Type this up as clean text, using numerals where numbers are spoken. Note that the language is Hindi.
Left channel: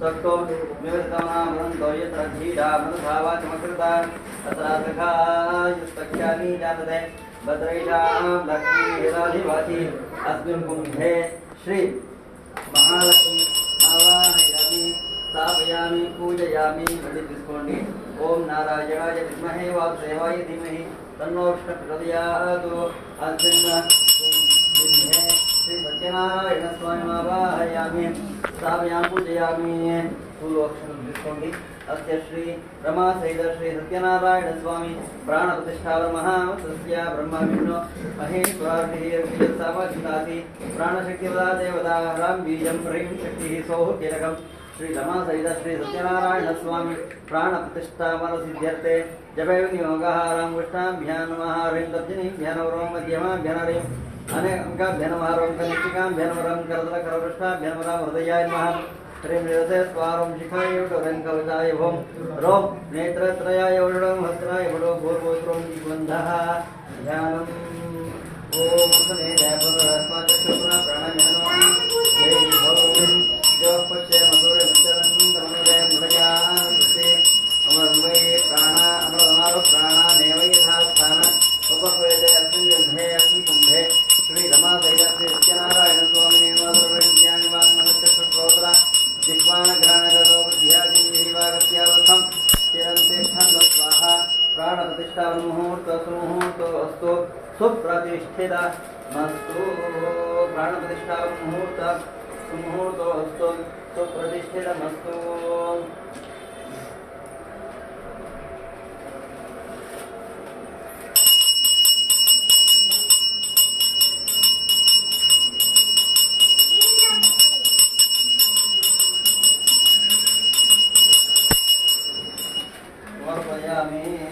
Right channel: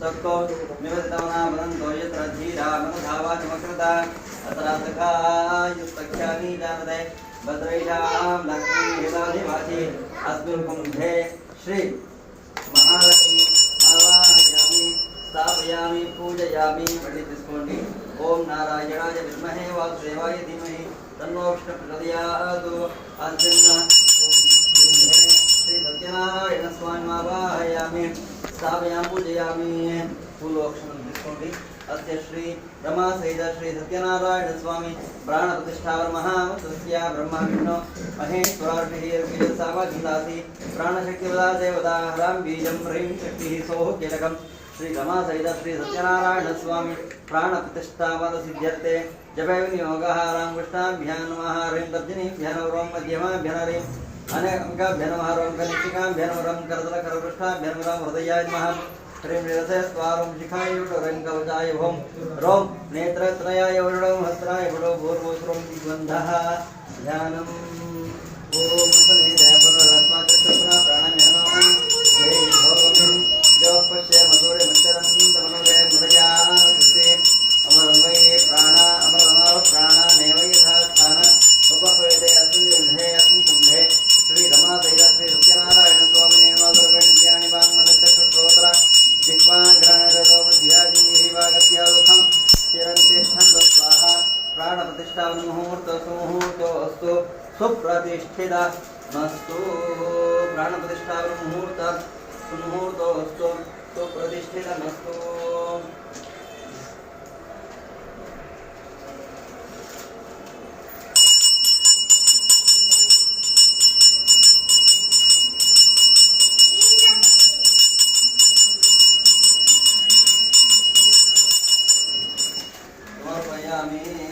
सक्तो निवृत्तमनामदन्तो यत्र धीरा मनधावाचमकृता अत्रासखायुस्तख्यामि जातते भद्रैषां लक्ष्मीहिताधिवासी अस्मिन् कुम्भे श्री महालक्ष्मी आवाहयामि स्थापयामि पूजयामि पंडित తీసుకోండి ओम नारायणाय विद्महे वासुदेवाय धीमहि तन्नो विष्णुः प्रचोदयात् अस्मिन् कुम्भे श्री सत्यनारायण स्वामी आवाहयामि स्थापयामि पूजयामि फूलोक्षणं తీసుకోండి अस्य श्री रमा सहित श्री सत्यनारायण स्वामी प्राण प्रतिष्ठावर महामतस्य ब्रह्मा विष्णु महेश्वरः सामर्थ्यदासी प्राणशक्ति देवता हरां बीजं ह्रीं शक्तिः सौः कीलकं श्री रमा सहित श्री सत्यनारायण स्वामी प्राण प्रतिष्ठावर सिद्ध्यर्थे जपे विनियोगः रामकृष्णाभ्यां नमः ह्रीं तर्जनीभ्यः नमः मध्यमाभ्यः ह्रीं अनेकाभ्यः नमः ह्रीं कनिष्ठिकाभ्यः नमः करतलकरपृष्ठाभ्यः नमः हृदयाय नमः ह्रीं जलसे शिखाय ह्रीं कवचाय भौम रोम नेत्रत्रयाय वरुणो हस्त्राय वडो भूर्भुस्रुं गन्धः ध्यानम् ओम पुनः प्राणायामं जय भौम जो पश्य मधुरे मच्चरं तमनुरे मृजानकृते अमरन्वये प्राणा अमरनारो प्राणा नेव यथा स्थान उपह्वयते अस्मिन् युद्धे अस्मिन् कुम्भे श्री रमा सहित श्री सत्यनारायण स्वामी निर्वादुर्वेन्द्रियाणि वाङ्मनश्चक्षुश्रोत्र जिह्वाग्राणरसोऽध्यादिवागत्यादुःखं चिरन्तिष्ठन् स्वाहा प्राणप्रतिष्ठामुहूर्तसुमुहूर्तोऽस्तु सुप्रतिष्ठितमस्तु प्राणप्रतिष्ठामुहूर्तोऽस्तु सुप्रतिष्ठितमस्तु समर्पयामि